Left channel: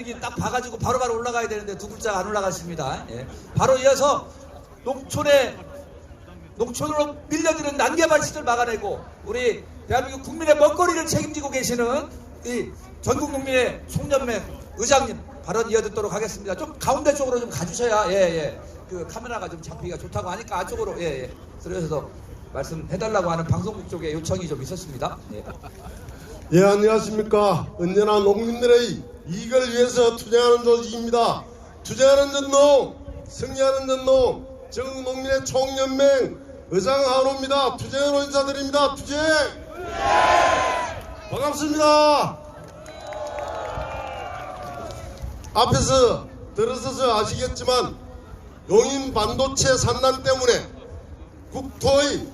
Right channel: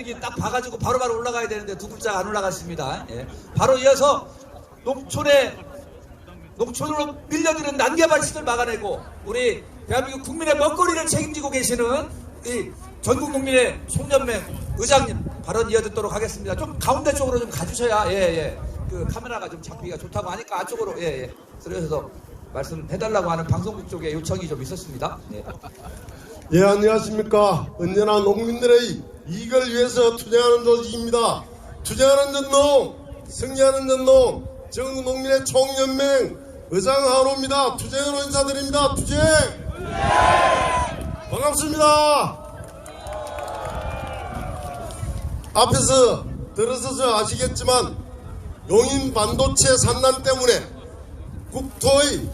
분위기 딱 봐가지고 바로바로 올라가야 되는데 두 글자가 안 올라갔습니다. 예. 바로 이어서 농촌으로 밀려드는 난개발치들 막아내고 우리 대한민국 국민의 먹거리를 책임지고 계시는 이 전국농민의 송년맹 의장님 발언 이어듣도록 하겠습니다. 좀 가운데 쪽으로 좀 가주셔야 그 카메라가 좀 잡히기가 좋다고 하니까 안쪽으로 그래서 말씀해달라고 하는 방송국 쪽에 요청이 좀 있었습니다. 예, 안녕하십니까. 언제나 농민들의 이익을 위해서 투쟁하는 조직입니다. 투쟁하는 전농, 승리하는 전농, 전국농민의 총연맹 의장 한호입니다. 투쟁으로 인사드립니다. 투쟁! 반갑습니다. 앞에서 들으셔서 아시겠지만 용인 반도체 산난 때문에 국토의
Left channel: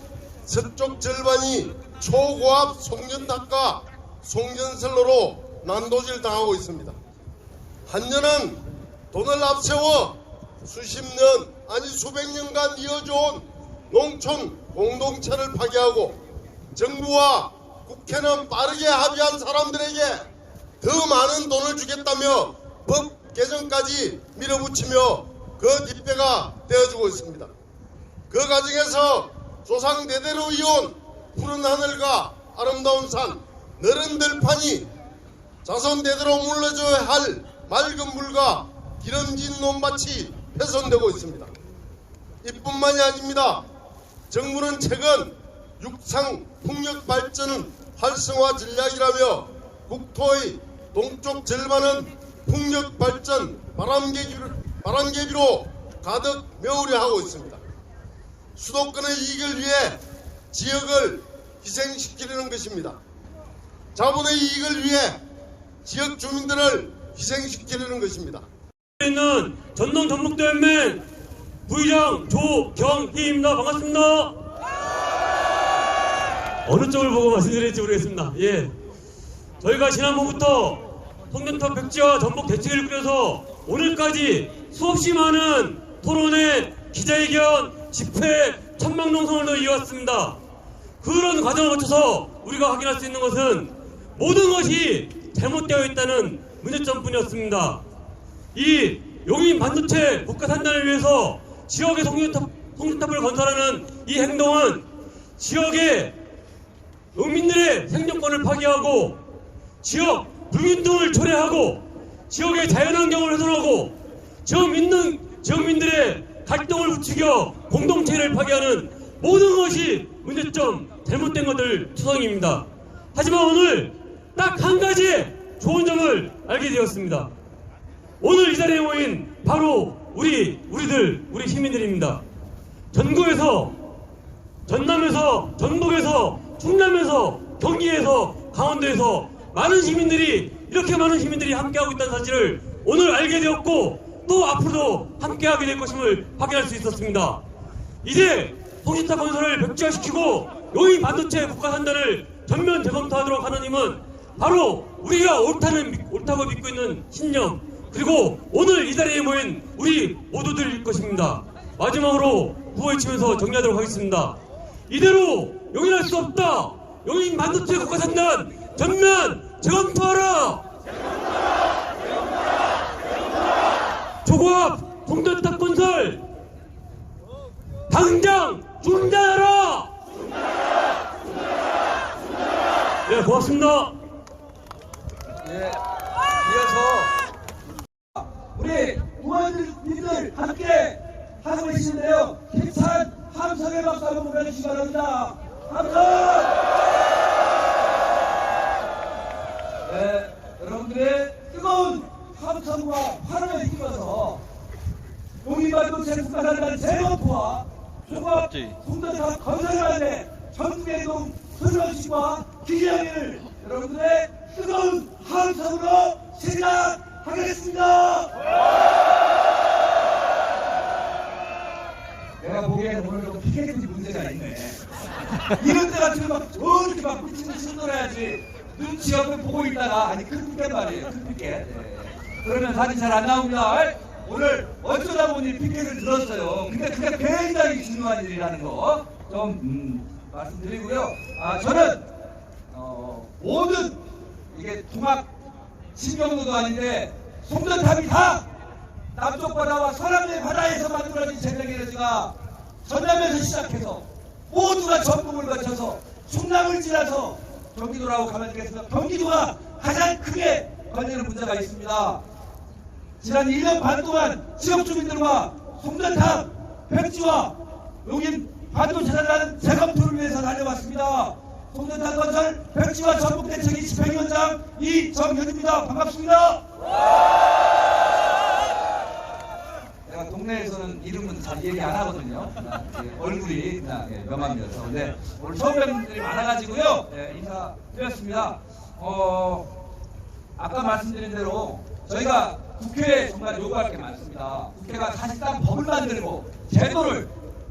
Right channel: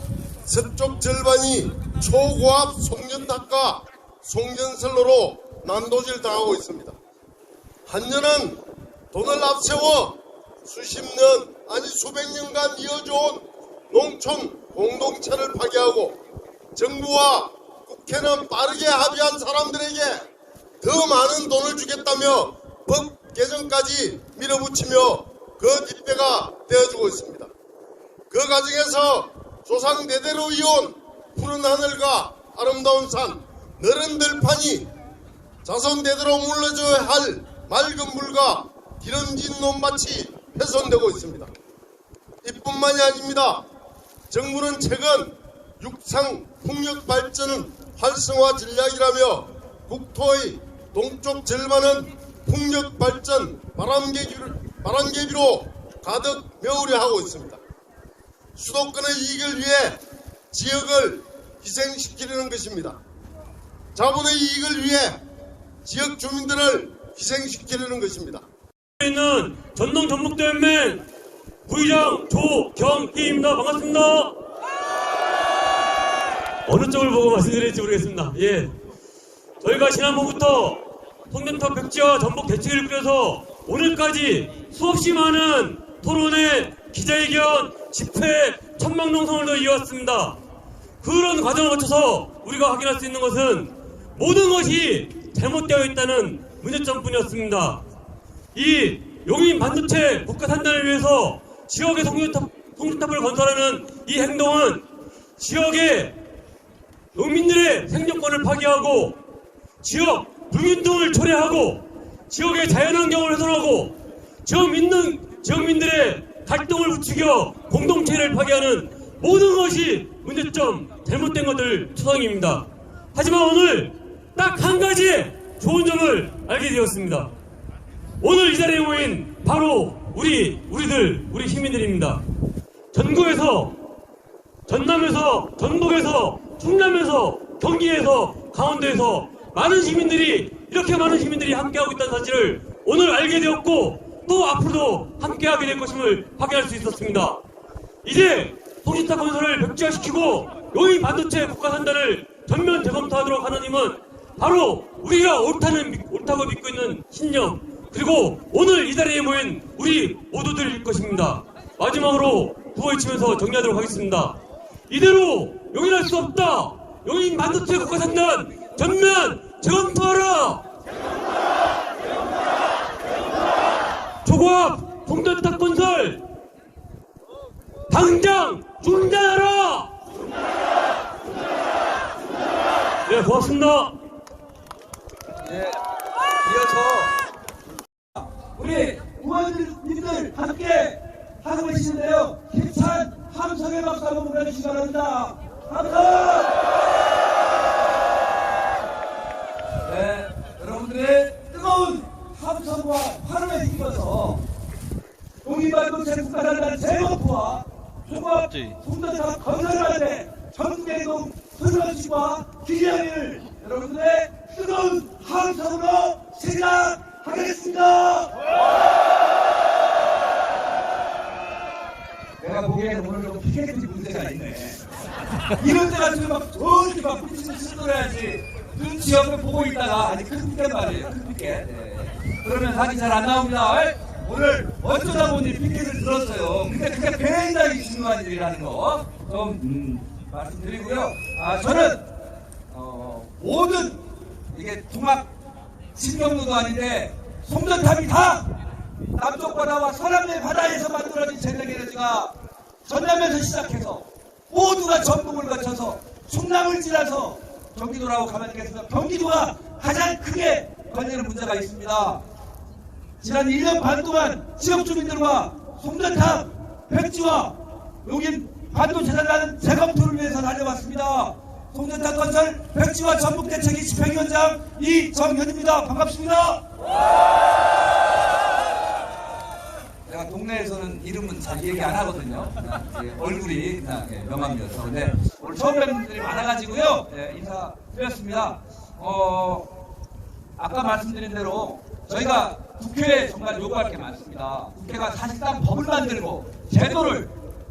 서쪽 절반이 초고압 송전탑과 송전선로로 난도질 당하고 있습니다. 한전은 돈을 앞세워 수십 년 아니 수백 년간 이어져온 농촌 공동체를 파괴하고 정부와 국회는 빠르게 합의한 사람들에게 더 많은 돈을 주겠다며 법 개정까지 밀어붙이며 그 뒷배가 되어주고 있습니다. 그 과정에서 조상 대대로 이어온 푸른 하늘과 아름다운 산, 너른 들판이 자손 대대로 물러줘야 할 맑은 물과 기름진 논밭이 훼손되고 있습니다. 이뿐만이 아닙니다. 정부는 최근 육상 풍력 발전 활성화 전략이라며 국토의 동쪽 절반은 풍력 발전 바람개비로 가득 메우려 하고 있습니다. 수도권의 이익을 위해 지역을 희생시키려는 것입니다. 자본의 이익을 위해 지역 주민들을 희생시키려는 것입니다. 있는 전농 전북대연맹 부의장 조경희입니다. 반갑습니다. 어느 쪽을 보고 말씀드릴지 모르겠습니다. 저희가 지난번부터 송전탑 백지와 전북 대책을 꾸려서 오늘까지 수없이 많은 토론회, 기자회견, 집회, 천명농성을 이어왔습니다. 그런 과정을 거쳐서 우리가 확인할 수 있는 것은 모든 것이 잘못되어 있다는 문제점뿐이었습니다. 이 용인 반도체 국가 산단을 위해서 지역의 송전탑을 건설하는 이 행동은 지역의 농민들의 생존권을 파괴하고 지역 불균등을 초래하고 지역의 자연환경을 훼손하고 지역민들의 갈등을 부추겨 공동체를 파괴하는 모든 것이 문제점, 잘못된 것들 투성입니다. 하지만 오늘 딱 한 가지 좋은 점을 알게 되었습니다. 오늘 이 자리에 모인 바로 우리 시민들입니다. 전국에서, 전남에서, 전북에서, 충남에서, 경기에서, 강원도에서 많은 시민들이, 이렇게 많은 시민들이 함께하고 있다는 사실을 오늘 알게 되었고 또 앞으로도 함께하게 될 것임을 확인할 수 있었습니다. 이제 송전탑 건설을 백지화시키고 용인 반도체 국가산단을 전면 재검토하도록 하는 힘은 바로 우리가 옳다고 믿고 있는 신념, 그리고 오늘 이 자리에 모인 우리 모두들일 것입니다. 마지막으로 후보이치면서 정리하도록 하겠습니다. 이대로 용인할 수 없다. 용인 반도체 국가산단 전면 재검토하라. 초고압 송전탑 건설 당장 중단하라. 네, 고맙습니다. 이어서 우리 의원님들 함께 하고 계시는데요. 힘찬 함성의 박수 한번 보내주시기 바랍니다. 함성! 여러분들의 뜨거운 함성과 환호에 힘입어서 용인 반도체 국가산단 재검토와 조각 송전탑 건설하는데 전국대동 소중하시과 기자회를 여러분들의 뜨거운 함성으로 시작하겠습니다. 내가 보기에는 오늘도 피켓이 문제가 있네. 이런 때 같으면 막 저렇게 막 미친 듯이 놀아야지. 눈치 옆에 보고 있다가 아니 큰 피켓 말이에요. 큰 피켓. 그러면 사진 잘 안 나옵니다. 오늘 어쩌다 보니 피켓을 들었어요. 근데 그게 굉장히 중요한 일이라는 거 좀 말씀드리고요. 저는 모든 이게 종합 신경도도 아닌데 송전탑이 다 남쪽 바다와 서남의 바다에서 만들어진 제너레이터가 전남에서 시작해서 모두가 전북을 거쳐서 충남을 지나서 경기도라고 가면 되겠습니다. 경기도가 가장 크게 걸리는 문제가 있습니다. 지난 1년 반 동안 지역 주민들과 송전탑, 백지와 용인 반도체라는 재검토를 위해서 다녀왔습니다. 송전탑 건설 백지와 전북대책위 집행위원장 이정현입니다. 반갑습니다. 제가 동네에서는 이름은 잘 얘기 안 하거든요. 그냥 얼굴이 그냥 명함이어서. 근데 오늘 처음 뵙는 분들이 많아가지고요. 인사드렸습니다. 아까 말씀드린 대로 저희가 국회에 정말 요구할 게 많습니다. 국회가 사실상 법을 만들고 제도를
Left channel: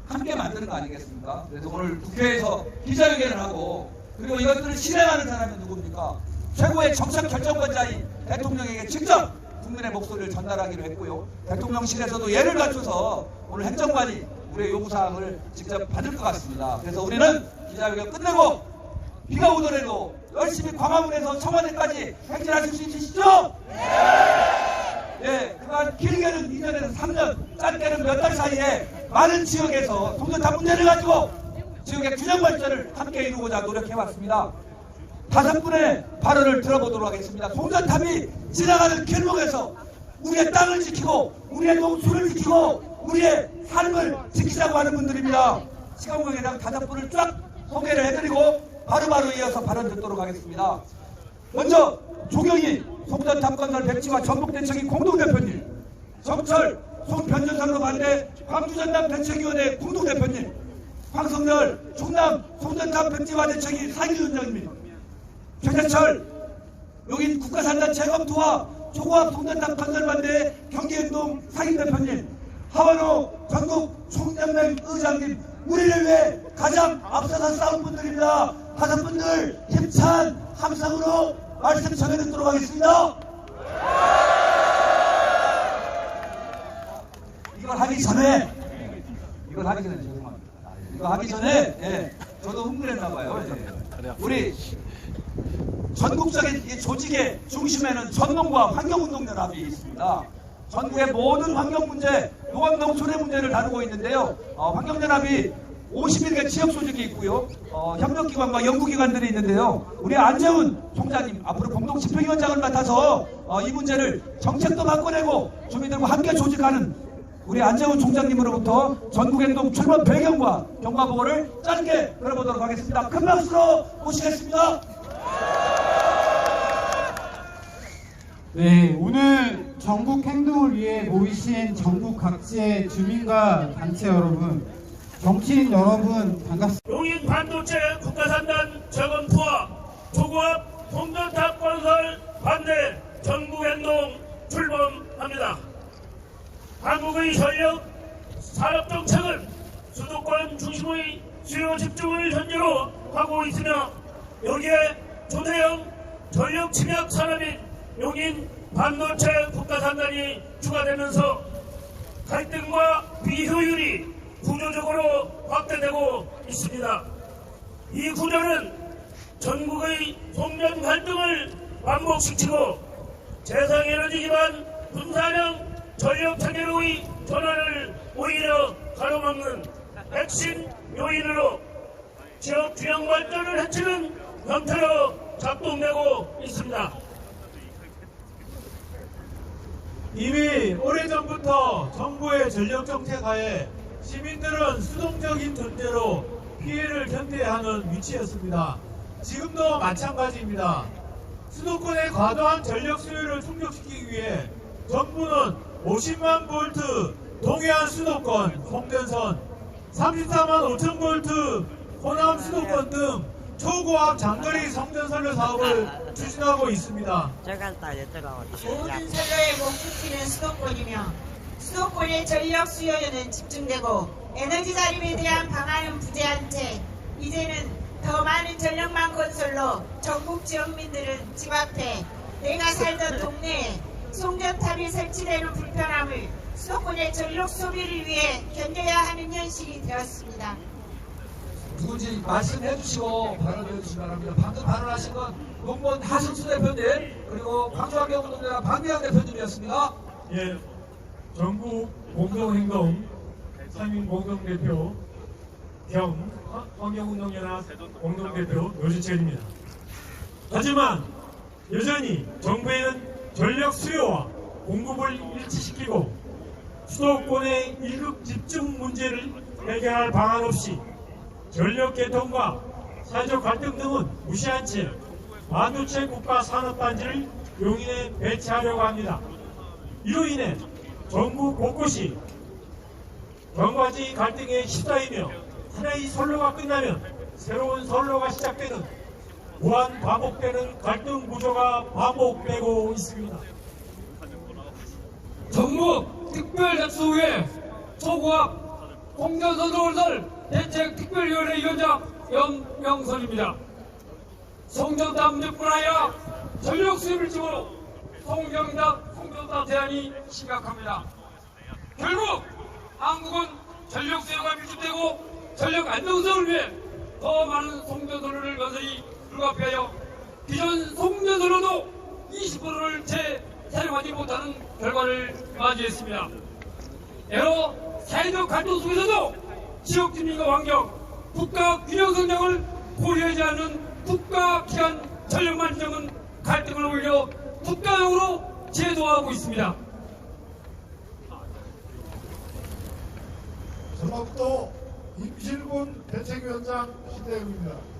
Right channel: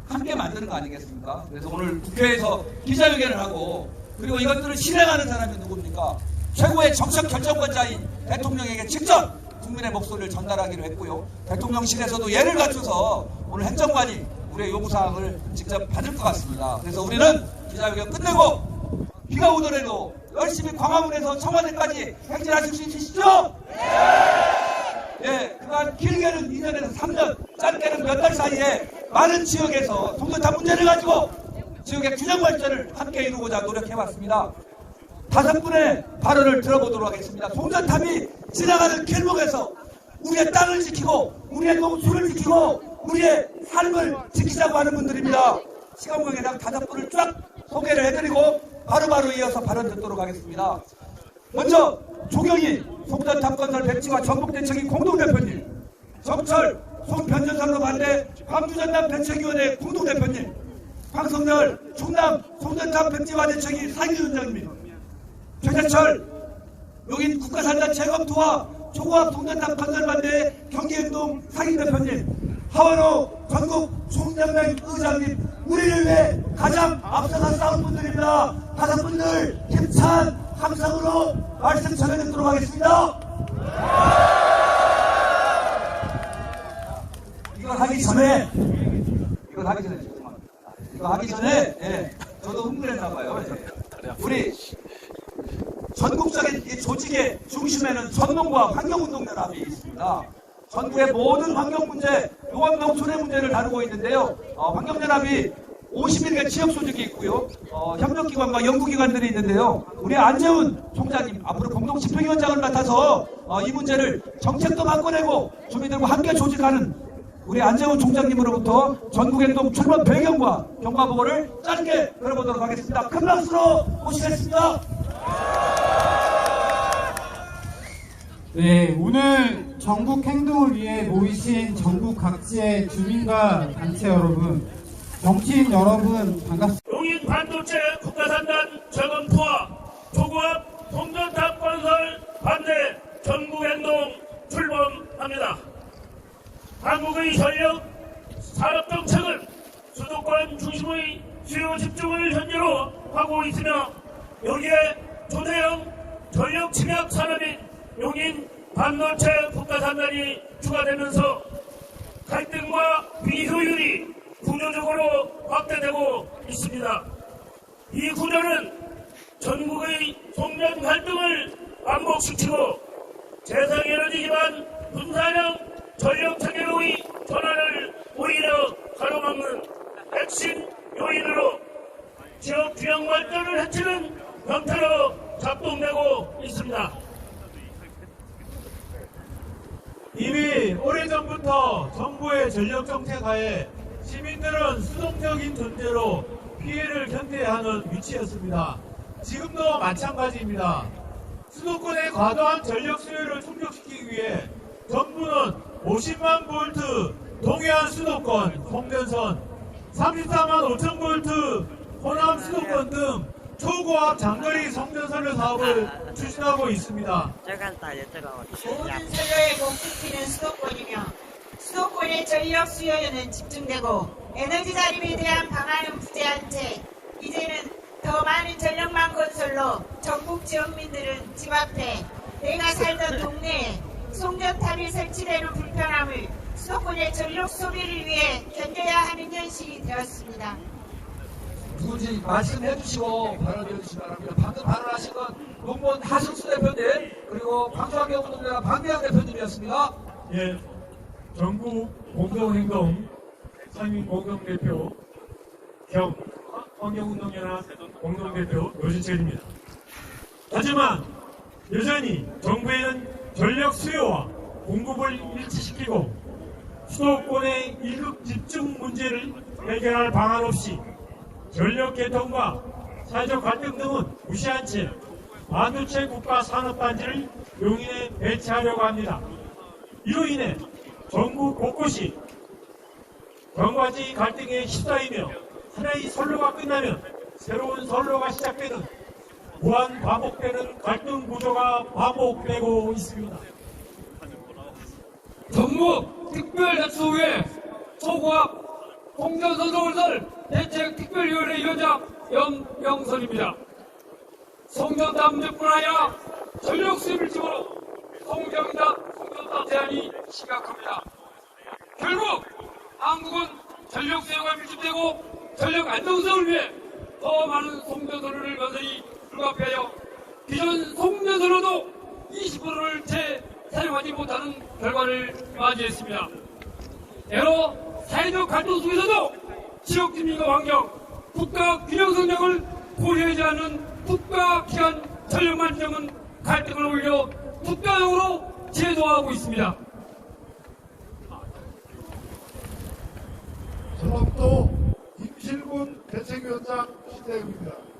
함께 만드는 거 아니겠습니까? 그래서 오늘 국회에서 기자회견을 하고 그리고 이것들을 실행하는 사람이 누굽니까? 최고의 정책 결정권자인 대통령에게 직접 국민의 목소리를 전달하기로 했고요. 대통령실에서도 예를 갖춰서 오늘 행정관이 우리의 요구사항을 직접 받을 것 같습니다. 그래서 우리는 기자회견 끝내고 비가 오더라도 열심히 광화문에서 청와대까지 행진하실 수 있으시죠? 네, 그간 길게는 2년에는 3년, 짧게는 몇 달 사이에 많은 지역에서 송전탑 문제를 가지고 지역의 균형 발전을 함께 이루고자 노력해왔습니다. 5분의 발언을 들어보도록 하겠습니다. 송전탑이 지나가는 길목에서 우리의 땅을 지키고 우리의 농수를 지키고 우리의 삶을 지키자고 하는 분들입니다. 시간 관계상 5분을 쫙 소개를 해드리고 바로바로 이어서 발언 듣도록 하겠습니다. 먼저 조경희 송전탑 건설 백지와 전북대책위 공동대표님, 정철 송변전선로 반대 광주전남 대책위원회 공동대표님, 황성열 충남 송전탑 백지화 대책위 상임위원장님, 최재철 용인 국가산단 재검토와 초고압 송전탑 건설 반대 경기운동 상임대표님, 하원호 전국 총연맹 의장님, 우리를 위해 가장 앞서서 싸운 분들입니다. 5분들 힘찬 함성으로 말씀 전해 듣도록 하겠습니다. 이걸 하기 전에 저도 흥분했나 봐요. 우리 전국적인 이 조직의 중심에는 전농과 환경운동연합이 있습니다. 전국의 모든 환경 문제, 농업농 손해 문제를 다루고 있는데요. 환경연합이 51개 지역 조직이 있고요. 협력기관과 연구기관들이 있는데요. 우리 안재훈 총장님 앞으로 공동집행위원장을 맡아서 이 문제를 정책도 바꿔내고 주민들과 함께 조직하는 우리 안재훈 총장님으로부터 전국행동 출범 배경과 경과보고를 짧게 들어보도록 하겠습니다. 큰 박수로 모시겠습니다. 네, 오늘 전국 행동을 위해 모이신 전국 각지의 주민과 단체 여러분, 정치인 여러분 반갑습니다. 용인 반도체 국가산단 재검토와 초고압 송전탑 건설 반대 전국행동 출범합니다. 한국의 전력 산업정책은 수도권 중심의 수요 집중을 전제로 하고 있으며 여기에 초대형 전력 침약 산업인 용인 반도체 국가산단이 추가되면서 갈등과 비효율이 구조적으로 확대되고 있습니다. 이 구조는 전국의 송전 갈등을 왕복시키고 재생에너지 기반 분산형 전력 체계로의 전환을 오히려 가로막는 핵심 요인으로 지역 균형 발전을 해치는 형태로 작동되고 있습니다. 이미 오래전부터 정부의 전력정책하에 시민들은 수동적인 존재로 피해를 견뎌야 하는 위치였습니다. 지금도 마찬가지입니다. 수도권의 과도한 전력 수요를 충족시키기 위해 정부는 50만 볼트 동해안 수도권 송전선, 34만 5천 볼트 호남 수도권 등 초고압 장거리 송전선을 사업을 추진하고 있습니다. 모든 세대에 목축키는 수도권이며 수도권의 전력 수요는 집중되고 에너지 자립에 대한 방안은 부재한 채 이제는 더 많은 전력망 건설로 전국 지역민들은 집 앞에 내가 살던 동네에 송전탑이 설치되는 불편함을 수도권의 전력 소비를 위해 견뎌야 하는 현실이 되었습니다. 누군지 말씀해 주시고 발언해 주시기 바랍니다. 방금 발언하신 건 농본 하승수 대표님 그리고 광주환경운동연합 박미영 대표님이었습니다. 예, 전국 공동행동 상임 공동대표 겸 환경운동연합 공동대표 노진철입니다. 하지만 여전히 정부에는 전력 수요와 공급을 일치시키고 수도권의 일극 집중 문제를 해결할 방안 없이 전력 개통과 사회적 갈등 등은 무시한 채 반도체 국가 산업단지를 용인에 배치하려고 합니다. 이로 인해 전국 곳곳이 여러가지 갈등에 휩싸이며 하나의 선로가 끝나면 새로운 선로가 시작되는 무한 반복되는 갈등 구조가 반복되고 있습니다. 정부 특별작소회 초고압 송전선동설 대책특별위원회 위원장 염명선입니다. 송전담뿐 아니라 전력 수입을 집으로 송전담 대안이 심각합니다. 결국 한국은 전력 수요가 밀집되고 전력 안정성을 위해 더 많은 송전선로를 건설이 불가피하여 기존 송전선로도 20%를 채 사용하지 못하는 결과를 맞이했습니다. 여러 사회적 갈등 속에서도 지역 주민과 환경, 국가 균형 성장을 고려하지 않는 국가 기관 전력만 지정은 갈등을 오히려 국가용으로 제도화하고 있습니다. 전북도 임실군 대책위원장 신대웅입니다.